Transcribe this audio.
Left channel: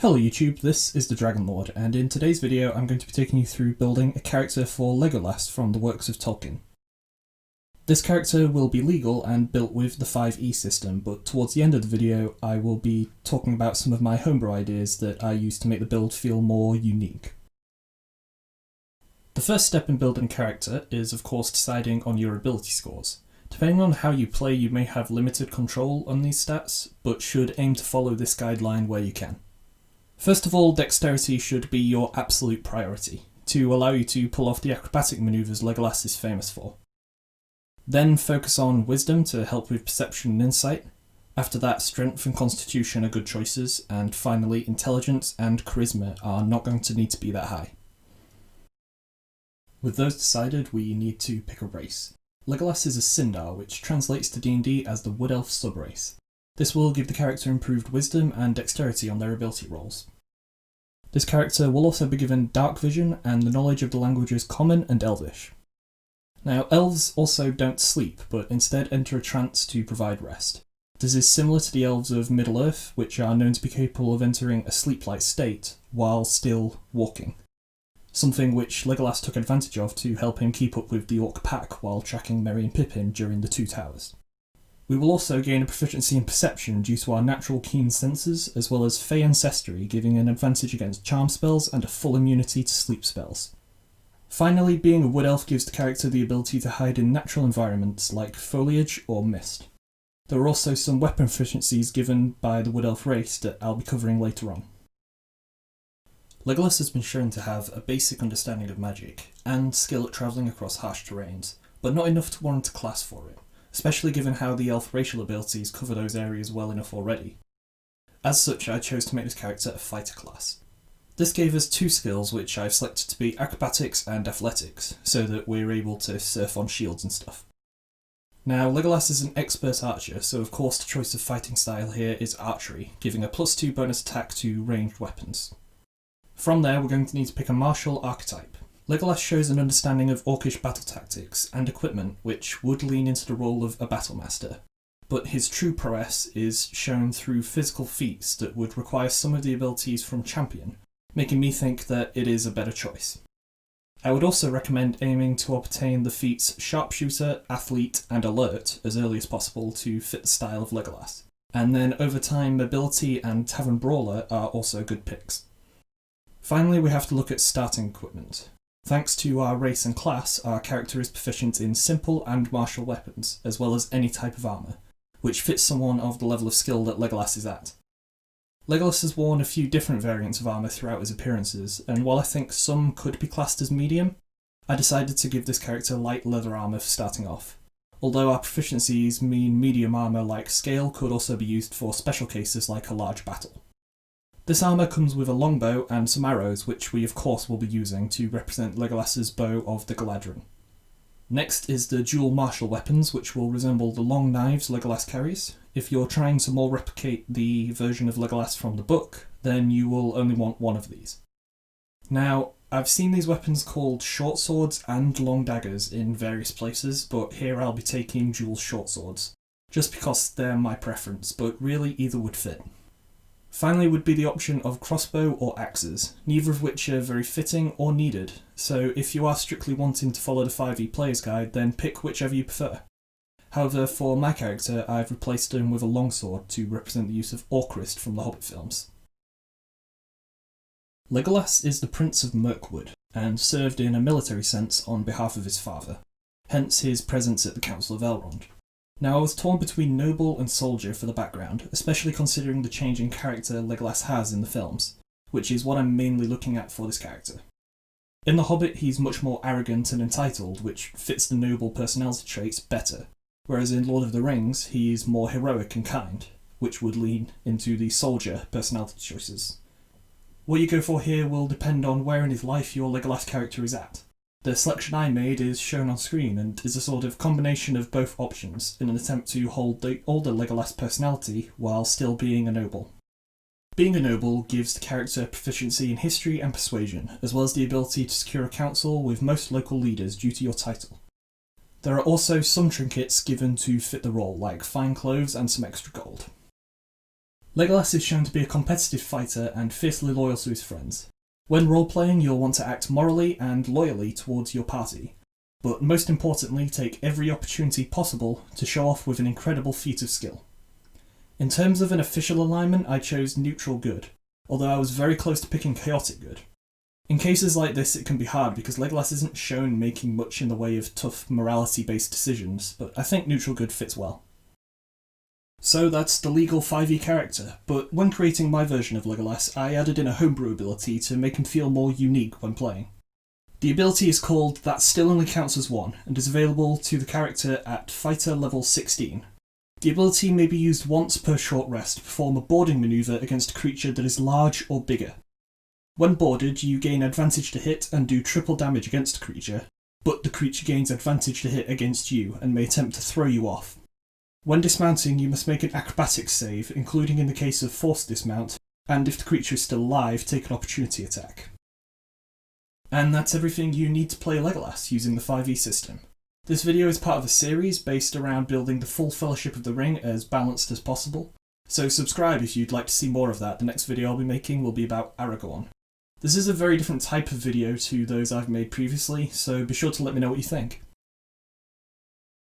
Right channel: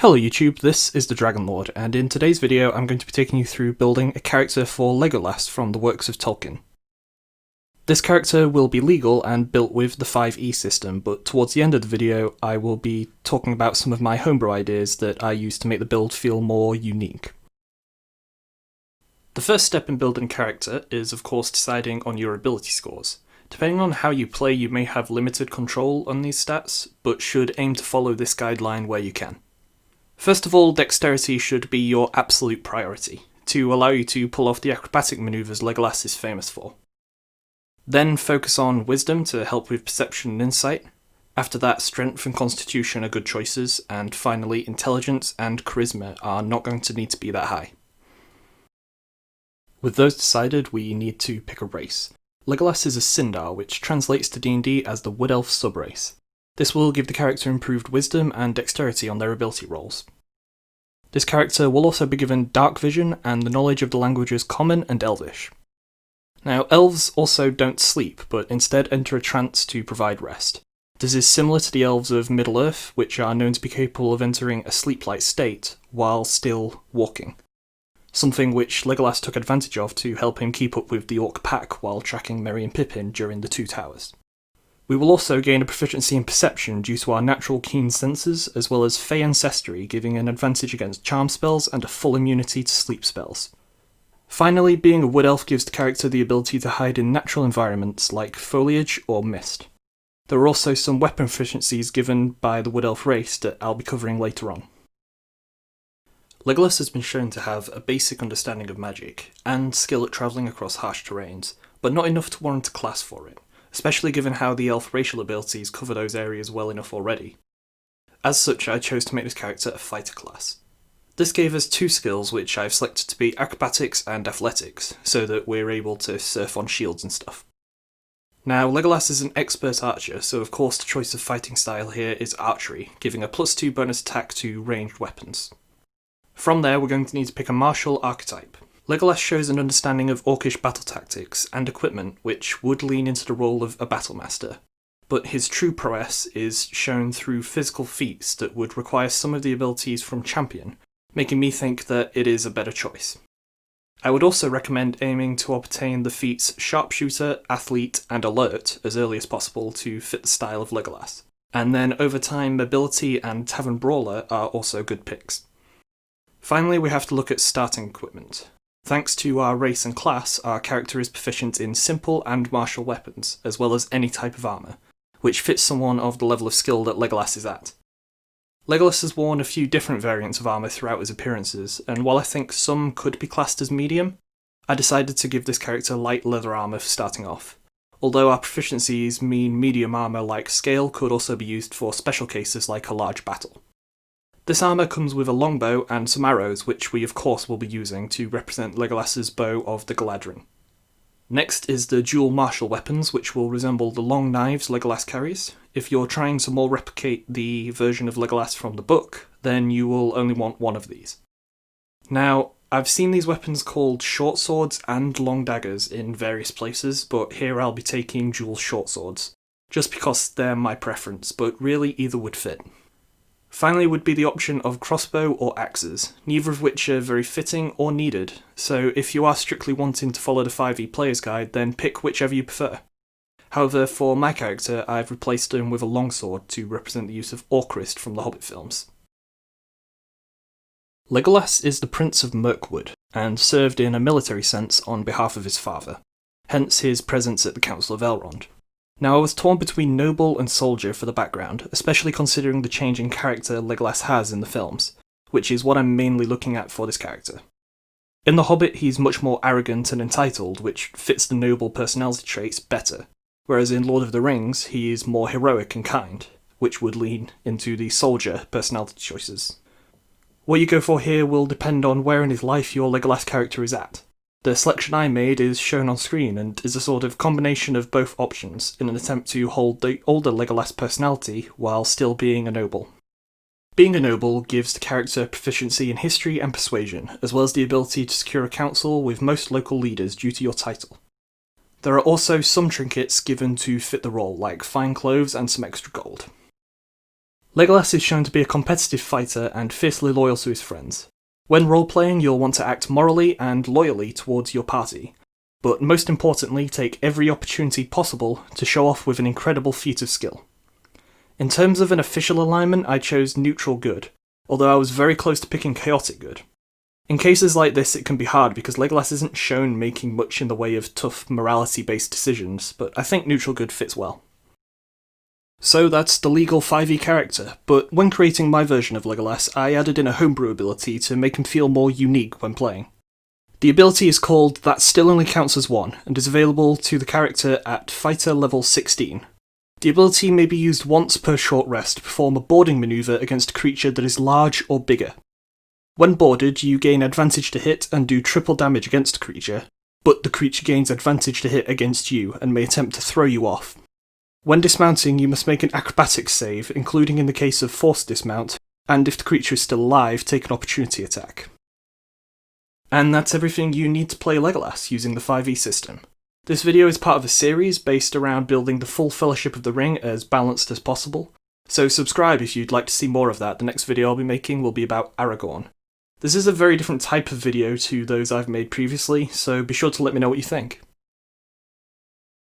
Hello YouTube, this is the Dragon Lord, and in today's video I'm going to be taking you through building a character for Legolas from the works of Tolkien. This character will be legal and built with the 5e system, but towards the end of the video I will be talking about some of my homebrew ideas that I use to make the build feel more unique. The first step in building a character is of course deciding on your ability scores. Depending on how you play, you may have limited control on these stats, but should aim to follow this guideline where you can. First of all, dexterity should be your absolute priority, to allow you to pull off the acrobatic manoeuvres Legolas is famous for. Then focus on wisdom to help with perception and insight. After that, strength and constitution are good choices, and finally intelligence and charisma are not going to need to be that high. With those decided, we need to pick a race. Legolas is a Sindar, which translates to D&D as the Wood Elf subrace. This will give the character improved wisdom and dexterity on their ability rolls. This character will also be given dark vision and the knowledge of the languages Common and Elvish. Now, elves also don't sleep, but instead enter a trance to provide rest. This is similar to the elves of Middle-earth, which are known to be capable of entering a sleep-like state while still walking. Something which Legolas took advantage of to help him keep up with the orc pack while tracking Merry and Pippin during the Two Towers. We will also gain a proficiency in perception due to our natural keen senses, as well as Fey ancestry giving an advantage against charm spells and a full immunity to sleep spells. Finally, being a wood elf gives the character the ability to hide in natural environments like foliage or mist. There are also some weapon proficiencies given by the wood elf race that I'll be covering later on. Legolas has been shown to have a basic understanding of magic, and skill at travelling across harsh terrains, but not enough to warrant a class for it, especially given how the elf racial abilities cover those areas well enough already. As such, I chose to make this character a fighter class. This gave us two skills which I've selected to be acrobatics and athletics, so that we're able to surf on shields and stuff. Now, Legolas is an expert archer, so of course the choice of fighting style here is archery, giving a +2 bonus attack to ranged weapons. From there, we're going to need to pick a martial archetype. Legolas shows an understanding of orcish battle tactics and equipment which would lean into the role of a battlemaster, but his true prowess is shown through physical feats that would require some of the abilities from Champion, making me think that it is a better choice. I would also recommend aiming to obtain the feats Sharpshooter, Athlete and Alert as early as possible to fit the style of Legolas, and then over time Mobility and Tavern Brawler are also good picks. Finally, we have to look at starting equipment. Thanks to our race and class, our character is proficient in simple and martial weapons, as well as any type of armour, which fits someone of the level of skill that Legolas is at. Legolas has worn a few different variants of armour throughout his appearances, and while I think some could be classed as medium, I decided to give this character light leather armour for starting off, although our proficiencies mean medium armour like scale could also be used for special cases like a large battle. This armour comes with a longbow and some arrows, which we of course will be using to represent Legolas's bow of the Galadrin. Next is the dual martial weapons, which will resemble the long knives Legolas carries. If you're trying to more replicate the version of Legolas from the book, then you will only want one of these. Now, I've seen these weapons called short swords and long daggers in various places, but here I'll be taking dual short swords, just because they're my preference, but really either would fit. Finally would be the option of crossbow or axes, neither of which are very fitting or needed, so if you are strictly wanting to follow the 5e player's guide, then pick whichever you prefer. However, for my character, I've replaced him with a longsword to represent the use of Orcrist from the Hobbit films. Legolas is the Prince of Mirkwood, and served in a military sense on behalf of his father, hence his presence at the Council of Elrond. Now, I was torn between noble and soldier for the background, especially considering the change in character Legolas has in the films, which is what I'm mainly looking at for this character. In The Hobbit, he's much more arrogant and entitled, which fits the noble personality traits better, whereas in Lord of the Rings, he is more heroic and kind, which would lean into the soldier personality choices. What you go for here will depend on where in his life your Legolas character is at. The selection I made is shown on screen and is a sort of combination of both options in an attempt to hold the older Legolas personality while still being a noble. Being a noble gives the character proficiency in history and persuasion, as well as the ability to secure a council with most local leaders due to your title. There are also some trinkets given to fit the role, like fine clothes and some extra gold. Legolas is shown to be a competitive fighter and fiercely loyal to his friends. When role-playing, you'll want to act morally and loyally towards your party, but most importantly, take every opportunity possible to show off with an incredible feat of skill. In terms of an official alignment, I chose neutral good, although I was very close to picking chaotic good. In cases like this, it can be hard because Legolas isn't shown making much in the way of tough morality-based decisions, but I think neutral good fits well. So that's the legal 5e character, but when creating my version of Legolas, I added in a homebrew ability to make him feel more unique when playing. The ability is called That Still Only Counts as One, and is available to the character at Fighter level 16. The ability may be used once per short rest to perform a boarding manoeuvre against a creature that is large or bigger. When boarded, you gain advantage to hit and do triple damage against a creature, but the creature gains advantage to hit against you and may attempt to throw you off. When dismounting, you must make an acrobatics save, including in the case of forced dismount, and if the creature is still alive, take an opportunity attack. And that's everything you need to play Legolas using the 5e system. This video is part of a series based around building the full Fellowship of the Ring as balanced as possible, so subscribe if you'd like to see more of that. The next video I'll be making will be about Aragorn. This is a very different type of video to those I've made previously, so be sure to let me know what you think.